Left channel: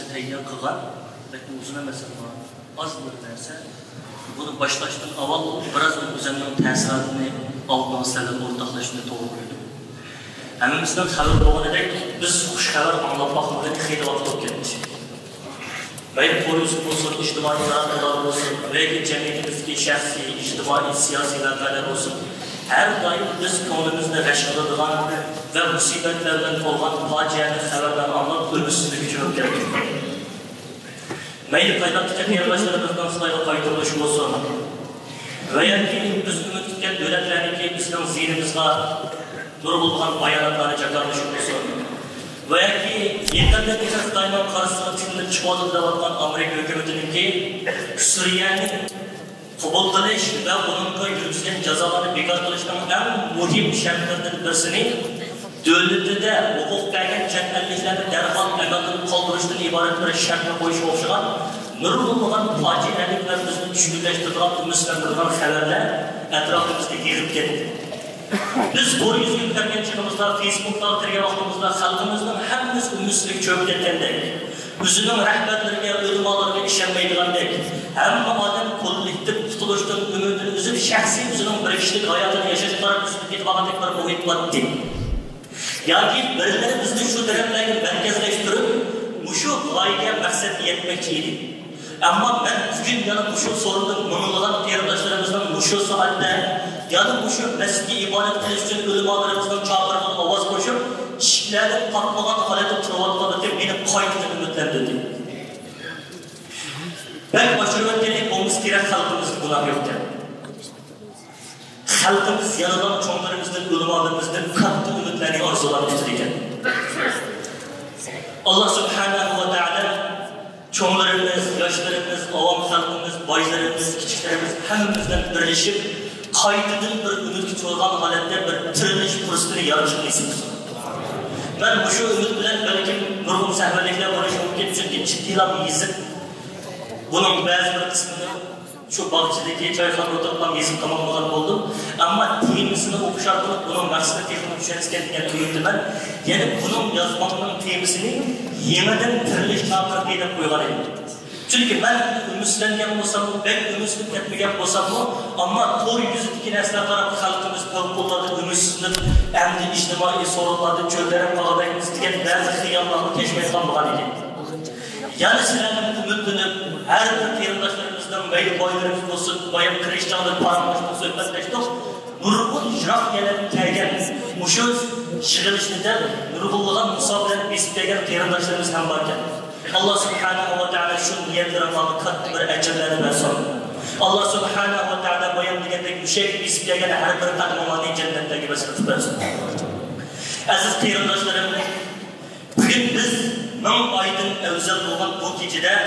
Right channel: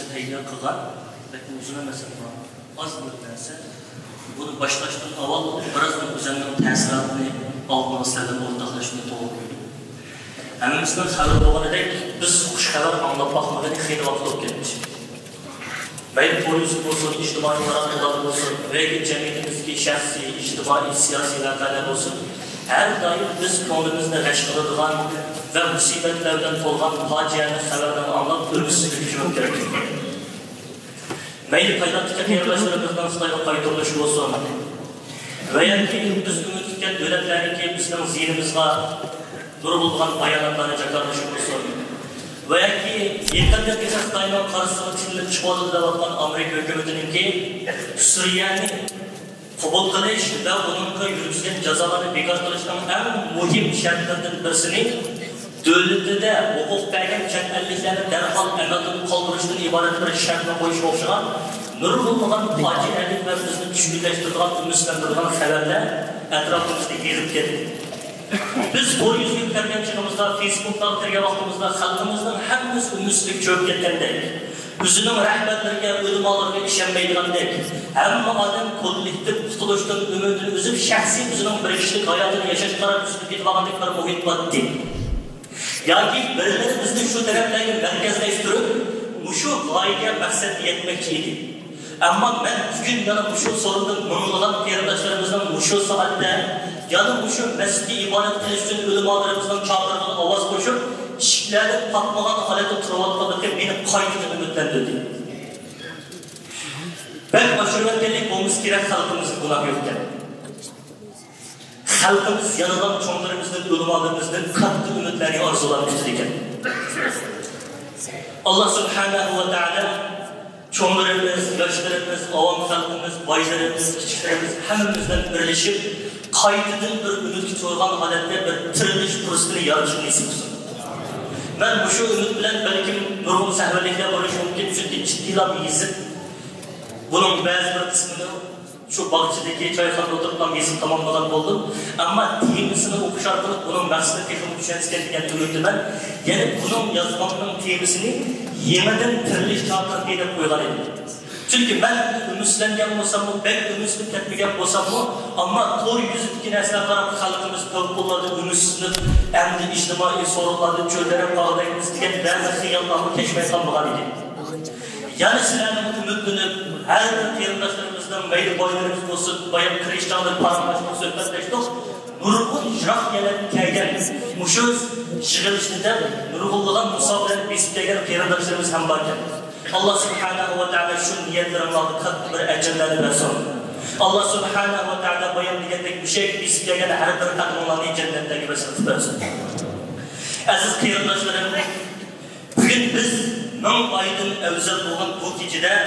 narsa tayyor qilgan, lekin uzun emas ama az bir narsa. Bunu başlaşdan avval biraz o'zimning ta'sirini oldin sizlarga o'rtoqlashishni to'g'ri ko'rdim. Hammamizdan xabar bo'lganidek, biz xush xabar anglab boqmagan xeyli vaqt o'tib ketdi. Mayli polis bo'lsin, ijtimoiy taraqqilar bo'lsin, yoki jamiyatimizdagi shaxsiy, ijtimoiy, siyosiy voqealar bo'lsin, har doim biz ko'nglimizni g'ash qiladigan va musibatlar bilan to'lgan fojiali xabardan anglab o'zimizga javob berdik. Mayli paydahtaki yerleşlerimizden Xitoyga qaytarilish bo'lsin va yoki biz umid qilgan davlatlarniki bizning zihnimizga nurg'ulgan bayonotlarni jakarlash bo'lsin va yoki yaqinda biz Xitoyning qarshisiga chiqib chiqadi deyotgan Amerika hukumatiniki Suriyaning qabul qilish va uningga yurgizgan jazolarni bekor qilishning eng muhim shartlaridan birisini devletinde hukuk bergen chet elliklerini derhal amaldan kaldırıştan ibaret bir şartla koyuş oluşan nurgulluğun facialık ve bizni düşkünleştirdiğin Müslümanlardan haberler etrafımızda yığıp geldi. Biz bu yüzgün tergençimizde, Facebook'ta oturgan vaktimizde halkımızdan hepimiz ümitsizlik çöp ketendek. Özünün rehberlerine, ölümalarına işenmeydiğindek. Ama adam kollektif tutuluştan ümidini üzüp şahsi özünün bir kişilik hayatını yaşadıkları üstündeki vakitleri boyutmadı. Yani birileri bizni şu dönemdeki merkezleştirip şu gayeye maksat yetmekçiydi. Ama ben bugün yana şu sorunda mınılan kardeşlerimizden şu saatte ya da şu mescidi ibadet kılış için ölümalarımızdan çağırılan avaz koşup çiftlerden patlanan halde turvatlarındaki beni kaydını ümitlendirdi. Ben aşırı dedik olmuş gerek halkımız buna yokken. Halkımız yanılan çoğunlarımızdan, ulamalarımızdan katlı ümitlerini arzulamıştır iken. Allah subhanahu wa ta'ala çoğunlarımız, yaşlarımız, avam halkımız, baylarımız, küçüklerimiz hemimizden birleşip kaydıdın bir ümit çoğulgan halinde bir tırılış fırsatını yarışını istiyoruz. Ben bu şu ümit bilen belki nurgun sahvelikler barış mümkün çünkü ciddiyle yazıp bunun bazı bir kısmını şu bahçedeki çayxanada oturup gezip tamamlagan oldum. Ama temisini okuşardık, bunun maksatı teknik düşensken diyen ümidim ben. Yani bunun yazmanın temisini yemeden tiriliş çağırmak diye koyulan edim. Çünkü ben ümitlengen olsam mı, ben ümitlengen olsam mı, ama doğru yüzündeki nesne tarafı halkımız korkuladı, ümitsizlik, emni içtimai sorunlardı, çöllere bağlayımız diyen bazı hıyarlarını keşfet kalmagan edim. Yani sizlerden ümitlenip, her bir kıyırdaşlarımızdan meyli boylarımız olsun, bayan Krishnalar paranlaşma söhbetleştik. Nurgul jıraq gelen kelgen, muşuz şığılışlıda nurgulluğun musabren besip kelgen kıyırdaşlarımız hem varken. Allah subhanahu wa ta'ala şu niyetlerin alı katlı bir ecirleri versin. Allah subhanahu wa ta'ala bayan biletek müşek besip kelgen her bir takmalarını cennetteki vesile versin. Aziz kıyırdaşlarımız, bugün biz Nam aydın evzel olan bu gecede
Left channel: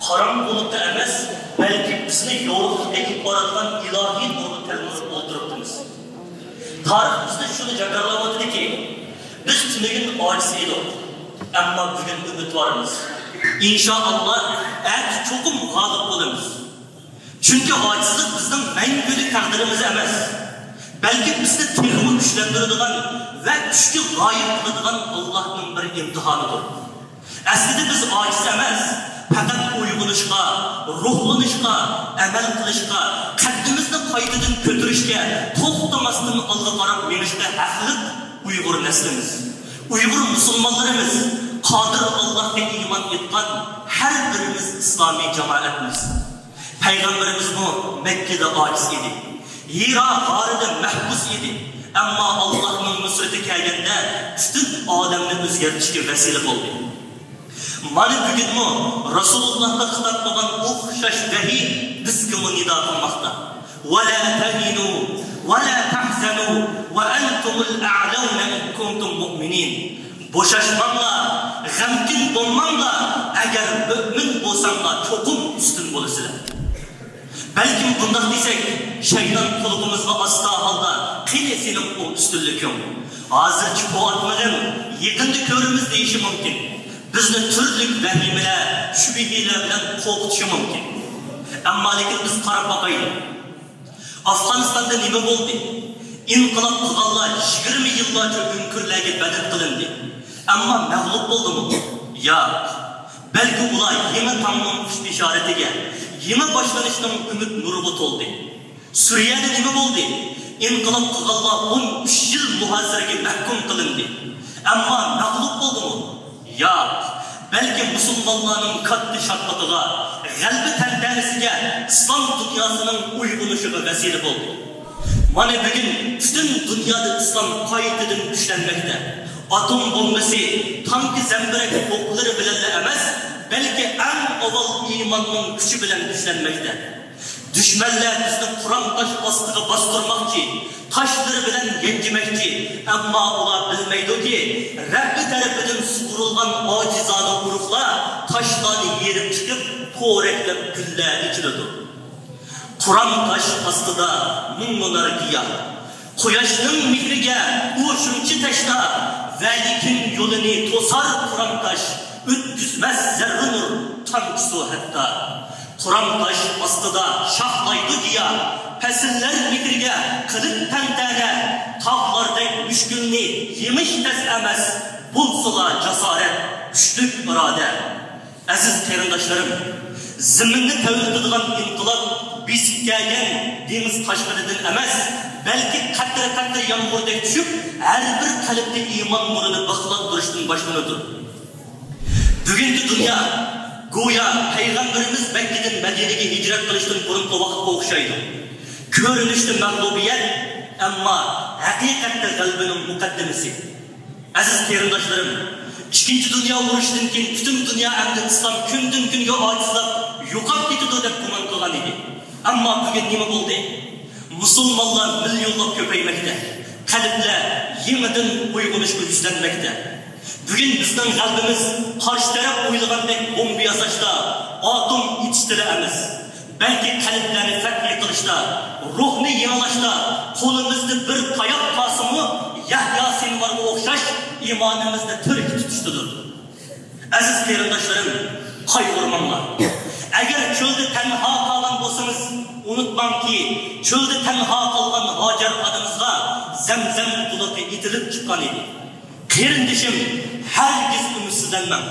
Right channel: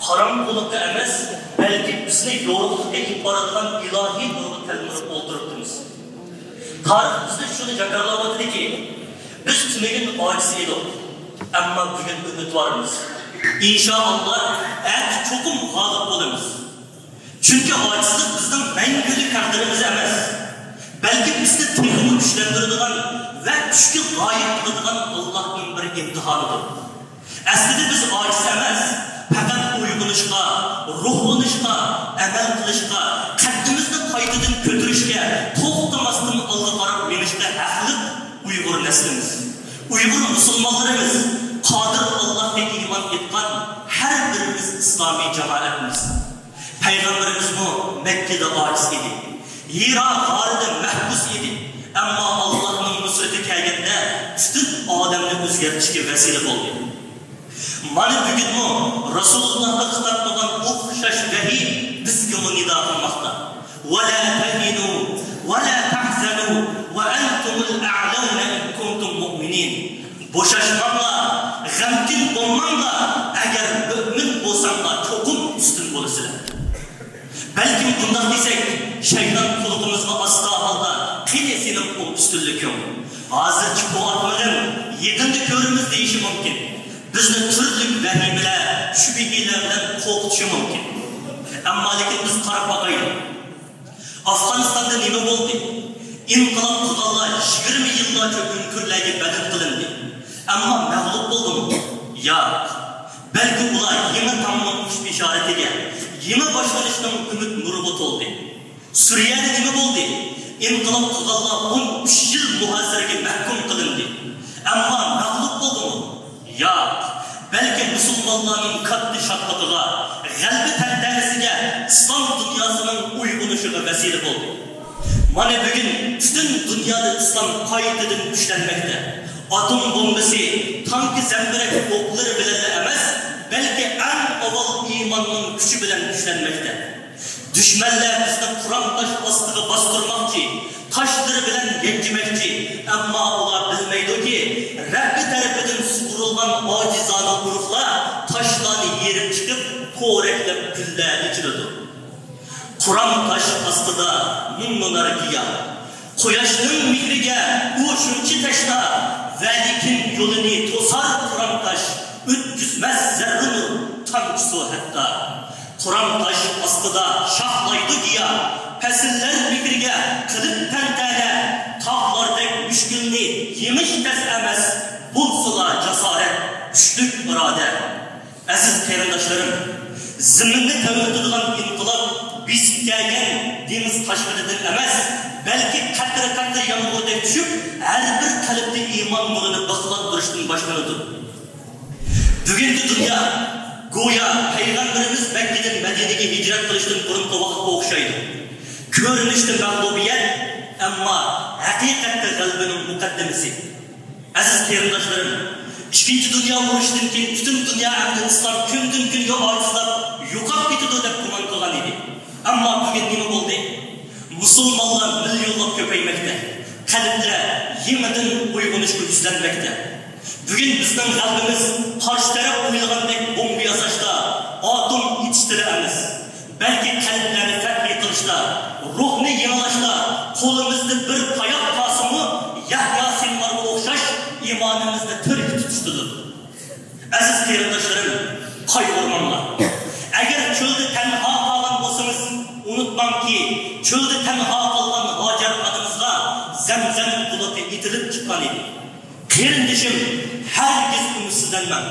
haram bulutta emas, belki bizni yoruq ekip baradıgan ilahi nuru telmurib oldurupdunuz. Tarih bizde şunu jakarlamadı ki, biz tümegin aciz edik. Ama bugün ümit varımız. İnşallah erk çokum g'olib bo'lamiz. Çünkü acizlik bizning mengülik taqdirimiz emas. Belki bizni texnik güçlendiradigan ve güçlü layık qiladigan Allah'ın bir imtihanidir. Aslida biz ojiz emas, faqat uyg'unishga, ruhlanishga, amal qilishga, qaddimizni qaytadan ko'tarishga, to'xtamasdan olg'a qarab menishga haqli Uyg'ur naslimiz. Uyg'ur musulmonlarimiz, qodir Allohga iymon etgan har birimiz islomiy jamoatimiz. Payg'ambarimiz Mekkada ojiz edi. Hira g'orida mahbus edi. Ammo Allohning nusrati kelganda butun olamni o'zgartirishga vasila bo'ldi. Mana bugunmi Rasulullohga xitob qilgan o'xshash vahiy bizga nido qilmoqda. Va la tahinu va la tahzanu va antumul a'launa in kuntum mu'minin. Bo'shashmanglar, g'amkin bo'lmanglar, agar mu'min bo'lsanglar, cho'qim ustun bo'lasizlar. Balki bundoq desak, shayton qulog'imizga asta holda qani sening bu ustunliking. Hozirchi bu atmag'in yaqinda ko'rimiz deyishi mumkin. Bizni turli vahimalar, shubhalar bilan qo'rqitishi mumkin. Ammo lekin biz qarab boqaylik. Afg'onistonda nima bo'ldi? İnqilab qilganlar 20 yillarcha o'nkirlarga badal qilindi. Ammo mag'lub bo'ldimi? Yo'q. Belki ular yeni tanımın kuş işaretiga, yeni başlanışның ümit nuru toldi. Suriyada nima bo'ldi? İnqilab qilganlar 13 yil muhasiraga mahkum qilindi. Ammo mag'lub bo'ldimi? Yo'q. Belki musulmonlarning katta shaqqatiga, g'albi tantanasiga, islom dunyosining uyg'unishiga vasila bo'ldi. Mana bugun butun dunyoda islom qaytadan kuchlanmoqda. Atom bombasi, tank zambirak o'qlari bilan emas, balki eng avval iymonning kuchi bilan kuchlanmoqda. Düşmanlar bizni Qur'on tosh ostiga bostirmoqchi, toshlari bilan yanjimoqchi, ammo ular bilmaydiki, Rabbi tarafidan sug'urilgan ojizona urug'lar toshlarni yerib chiqib, po'raklab gullarni ichiradi. Qur'on tosh ostida ming-minar giyoh, quyoshning mehriga u shuncha tashlar, va lekin yo'lini to'sar Qur'on tosh, o'tkazmas zarra nur, tamsu hatta. Qur'on tosh ostida shohlaydi giyoh, fasllar mehriga qilib tantana, tog'lardek mushkulni yemish tas emas, bo'lsalar jasorat, kuchlik iroda. Aziz qarindoshlarim, ziminni tavlatadigan inqilob bisib kelgan dengiz toshqinidan emas, balki qatr-qatr yomg'irda tushib, har bir qalbda iymon nurini baqlab turishdan boshlanadi. Bugungi dunyo go'yo payg'ambarimiz Makkadan Madinaga hijrat qilishdan burungi vaqtga o'xshaydi. Ko'rinishda mag'lubiyat, ammo haqiqatda g'albaning muqaddimasi. Aziz qarindoshlarim, ikkinchi dunyo urushidan keyin butun dunyo ahli islom kundan kunga ojizlab yo'qolib ketadi deb gumon qilgan edi. Ammo bugun nima bo'ldi? Musulmonlar millionlab ko'paymoqda. Qalblar yenidan uyg'onishga yuzlanmoqda. Bugun bizning qalbimiz qarshi taraf o'ylagandek bomba yasashda, atom ichishda emas, balki qalblarni fath qilishda, ruhni yanglashda, qo'limizda bir tayoq qosimi Yahyo Sinvarga o'xshash iymonimizni tirik tutishdir. Aziz qarindoshlarim, qayg'urmanglar. Agar cho'lda tanho qolgan bo'lsangiz, unutmangki, cho'lda tanho qolgan Hojar onamizga Zamzam buluti itilib chiqqan edi. Qarindishim, hargiz umidsizlanmang.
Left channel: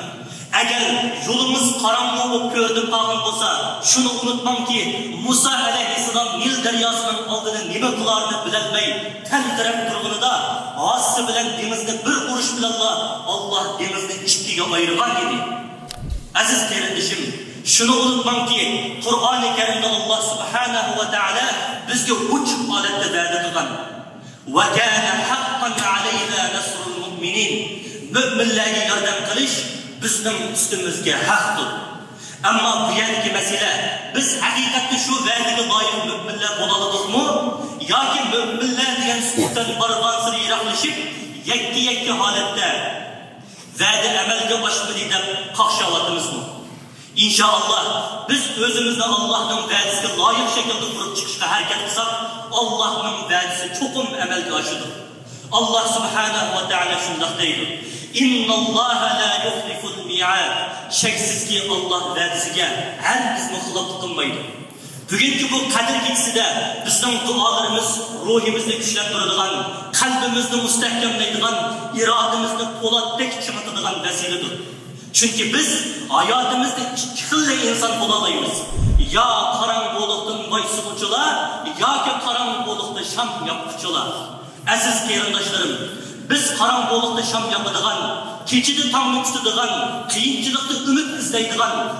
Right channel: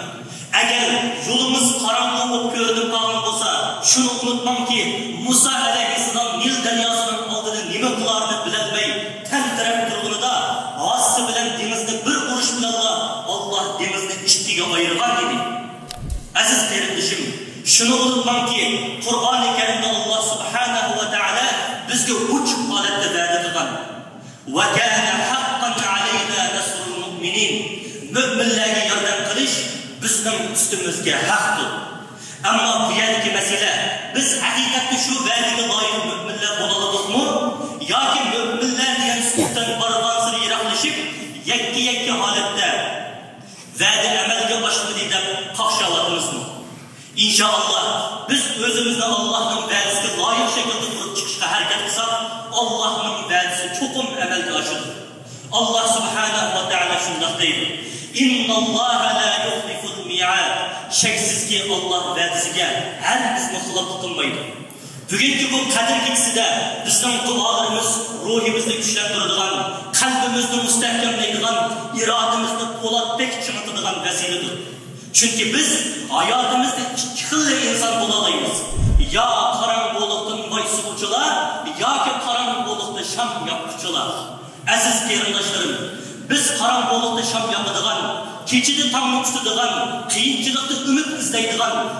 Agar yo'limiz qorong'u bo'lib ko'rinib qolgan bo'lsa, shuni unutmangki, Musa alayhissalom Nil daryosining oldida nima qilarini bilolmay, tantirab turganida Osi bilan dengizni bir urush bilan Alloh dengizni ikkiga ayirgan edi. Aziz qarindishim, shuni unutmangki, Qur'oni Karimda Alloh subhanahu va taolo bizga 3 holatda va'da qilgan. Va kana haqqan alayna nasrul mu'minin. Mu'minlarga yordam qilish bizning ustimizga haqdir. Ammo bu yergi masala, biz haqiqatda shu va'daga loyiq mu'minlar bo'la olamizmi yoki mu'minlar degan suhbatdan barvosir yiroqlashib, yakka holatda va'da amalga oshmadi deb qaqshayotamizmi? İnşallah biz özümüzde Allah'ın vəzisi layık şekilde kurup çıkışa hərəkət qısaq, Allah'ın vəzisi çoxum əməldə aşıdır. Allah subhanahu wa ta'ala şundaq deyir. İnna Allaha la yuxliful mi'ad. Şəksiz ki Allah vəzisiga hər bizni xilaf qılmaydı. Bugünkü bu Kadir gecesinde bizden dualarımız ruhimizni güçlendirdiğin, kalbimizni müstehkemleydiğin, irademizni polatdek çımıtıdığın vesiledir. Çünkü biz hayatımızda çıkılı insan bulamayız. Ya karanlıktan baysuğucular, ya ki karanlıkta şam yapıcılar. Aziz qarindoshlarim, biz karanlıkta şam yapıdığın, keçidi tanlık tutduğun, kıyınçılıkta ümit izleydiğin,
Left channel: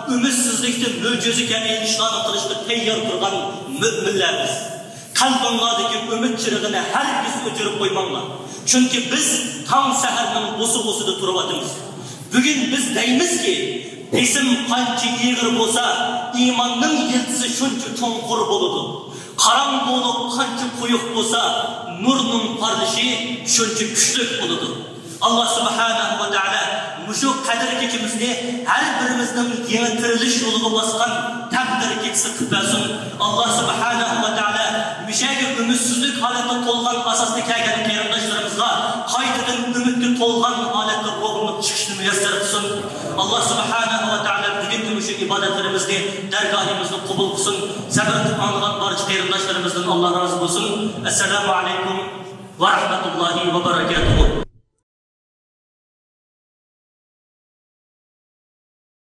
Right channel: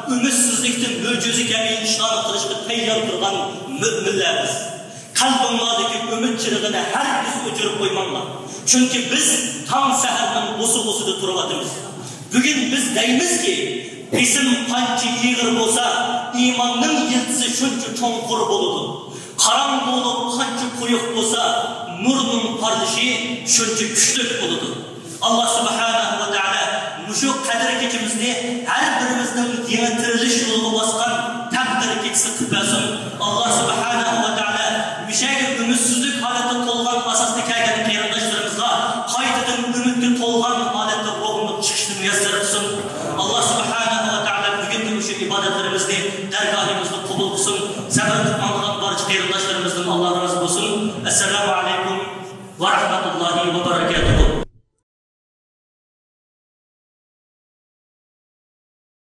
ümitsizlikten möcüzü gibi işlerini kılışta teyyar durgan müminlerimiz. Kalbimlardaki ümit çırığını herkes ötürüp koymanlar. Çünkü biz tam seherden bosu-bosuda turvatımız. Bugün biz deymiz ki, isim qancha iğir bolsa, imanning yiltisi shuncha cho'nqur bo'ladi. Qarangulik qancha quyuq bolsa, nurning parlishi shuncha kuchli bo'ladi. Allah subhanahu va taolo mushu qadr kechimizni har birimizning yangi tirilish yo'liga bosgan taqdir kechisi qilsin. Allah subhanahu va taolo mushaga umitsizlik holatda to'lgan asosda kelgan qarindoshlarimizga qaytadan umidga to'lgan holatda ruhni chiqishni muyassar qilsin. Allah subhanahu va taolo bugungi mushu ibodatlarimizni dargohimizda qabul qilsin. Sabr qilib olgan barcha qarindoshlarimizdan Alloh rozi bo'lsin. Assalomu alaykum va rahmatullohi va barakatuh.